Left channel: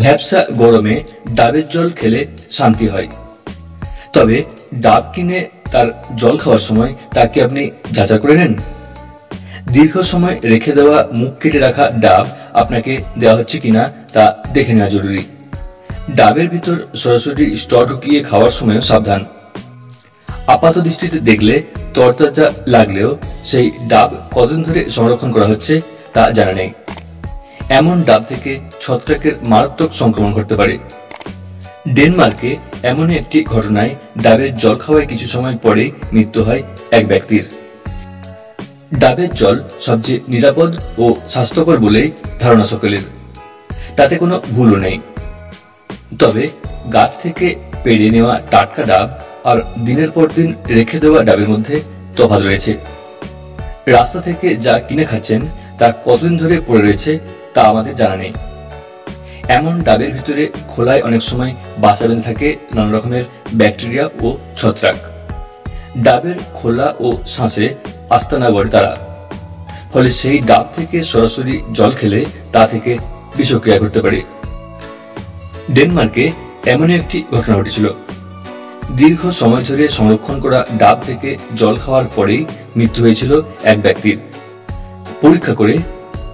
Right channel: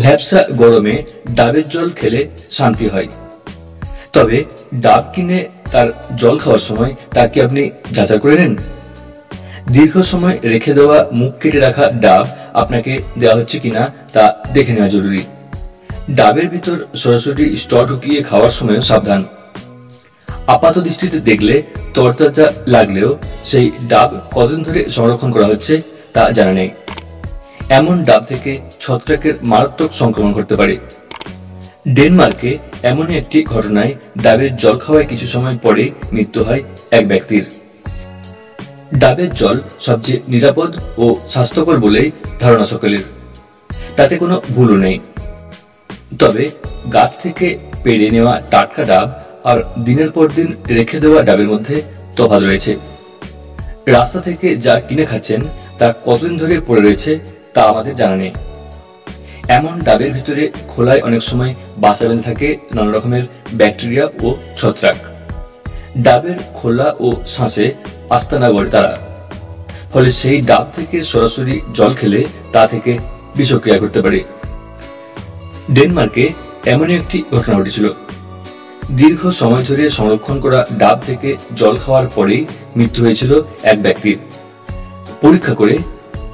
ভ্যাপসা গরমে ডাবের জল খেলে শান্তি হয়। তবে ডাব কিনে তার জল খাওয়ার সময় তা কি আপনি যাচাই করে নেন? দীর্ঘ সময় রেখে দেওয়া মুখ কেটে রাখা ডাব আপনাকে দেওয়া হচ্ছে কিনা তা দেখে নেওয়া জরুরি। ডাবের ভিতর সরাসরি স্ট্র ঢুকিয়ে খাওয়ার সময়ও সাবধান। আপাত দৃষ্টিতে দেখলে তরতাজা লাগলেও সেই ডাব কতদিন ধরে সংরক্ষণ করা হচ্ছে তা জানা নেই। এমন ডাব থেকে ছত্রাকের মারাত্মক সংক্রমণ ঘটতে পারে। ডেনমার্কে এমন একটি ঘটনায় ডাবের জল খাওয়ায় কিছু সময় পরেই মৃত্যু হয় এক ব্যক্তির। ডাবের জল সবচেয়ে নিরাপদ ও স্বাস্থ্যকর বলেই ধারণা সকলের, তাতে কোনো ভুলও নেই। তবে গাছ থেকে পেড়ে নেওয়া টাটকা ডাব আর দিনের পর দিন রেখে দেওয়া ডাবের মধ্যে তফাৎ রয়েছে। রাস্তা থেকে যা কিনে খাচ্ছেন তা কতদিন ধরে পড়ে রয়েছে তা আমাদের জানা নেই। এমন ডাবের ভিতরে খোলায় অনেক সময় বাসা বেঁধে থাকে নানা রকমের ব্যাকটেরিয়া ও ছত্রাক। ডাবের খোলা ও শাঁসে আস্তানা গড়ে তারা, ফলে সেই ডাব থেকে সরাসরি জল খেলে তা থেকে বিষক্রিয়া ঘটতে পারে। ডেনমার্কে এমন একটি ঘটনা ঘটেছিল। দীর্ঘ সময় ধরে সংরক্ষণ করা ডাব থেকে জল খাওয়ার পরেই মৃত্যু হয়েছিল এক ব্যক্তির। পরীক্ষা করে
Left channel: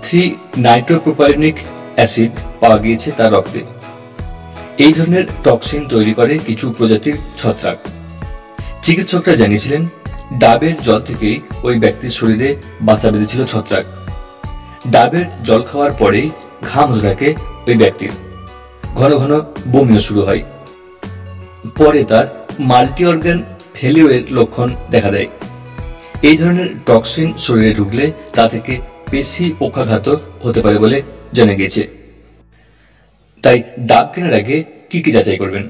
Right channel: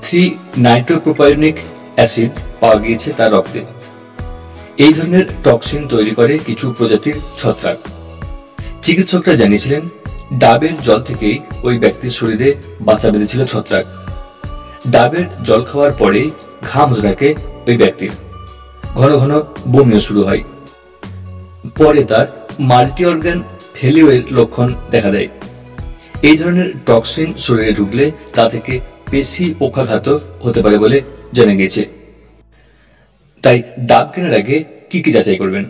3-নাইট্রোপ্রোপায়োনিক অ্যাসিড পাওয়া গিয়েছে তার রক্তে। এই ধরনের টক্সিন তৈরি করে কিছু প্রজাতির ছত্রাক। চিকিৎসকরা জানিয়েছিলেন ডাবের জল থেকেই ওই ব্যক্তির শরীরে বাসা বেঁধেছিল ছত্রাক। ডাবের জল খাওয়ার পরেই ঘাম হতে থাকে ওই ব্যক্তির, ঘন ঘন বমিও শুরু হয়। পরে তার মাল্টি অর্গান ফেলিওরের লক্ষণ দেখা দেয়। এই ধরনের টক্সিন শরীরে ঢুকলে তা থেকে পেশি পক্ষাঘাত হতে পারে বলে জানা গিয়েছে। তাই ডাব কেনার আগে কি কি যাচাই করবেন?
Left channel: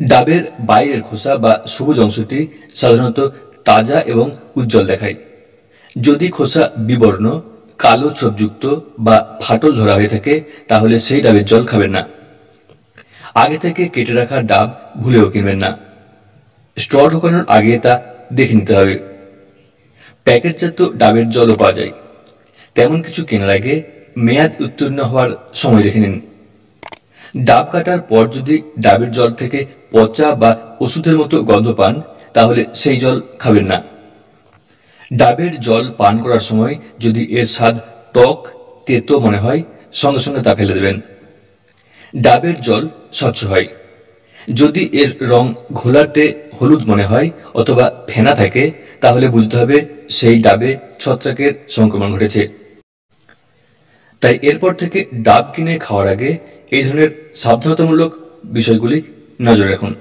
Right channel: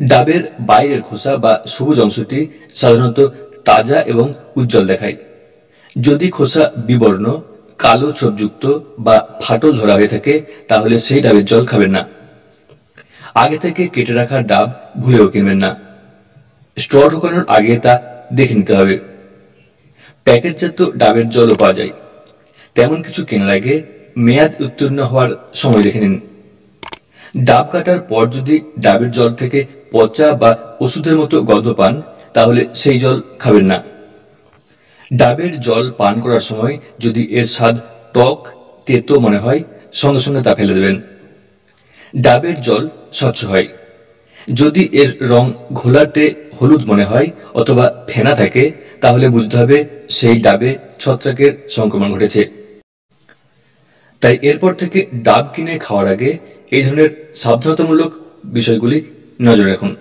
ডাবের বাইরের খোসা বা সবুজ অংশটি সাধারণত তাজা এবং উজ্জ্বল দেখায়। যদি খোসা বিবর্ণ, কালো ছোপযুক্ত বা ফাটল ধরা হয়ে থাকে তাহলে সেই ডাবের জল খাবেন না। আগে থেকে কেটে রাখা ডাব ভুলেও কিনবেন না। স্ট্র ঢোকানোর আগে তা দেখে নিতে হবে। প্যাকেটজাত ডাবের জলও পাওয়া যায়, তেমন কিছু কেনার আগে মেয়াদ উত্তীর্ণ হওয়ার সময় দেখে নিন। ডাব কাটার পর যদি ডাবের জল থেকে পচা বা ওষুধের মতো গন্ধ পান তাহলে সেই জল খাবেন না। ডাবের জল পান করার সময় যদি এর স্বাদ টক, তেতো মনে হয় সঙ্গে সঙ্গে তা ফেলে দেবেন। ডাবের জল স্বচ্ছ হয়। যদি এর রং ঘোলাটে হলুদ মনে হয় অথবা ফেনা থাকে তাহলে বুঝতে হবে সেই ডাবে ছত্রাকের সংক্রমণ ঘটেছে। তাই এরপর থেকে ডাব কিনে খাওয়ার আগে এই ধরনের সাবধানতামূলক বিষয়গুলি নজরে রাখুন।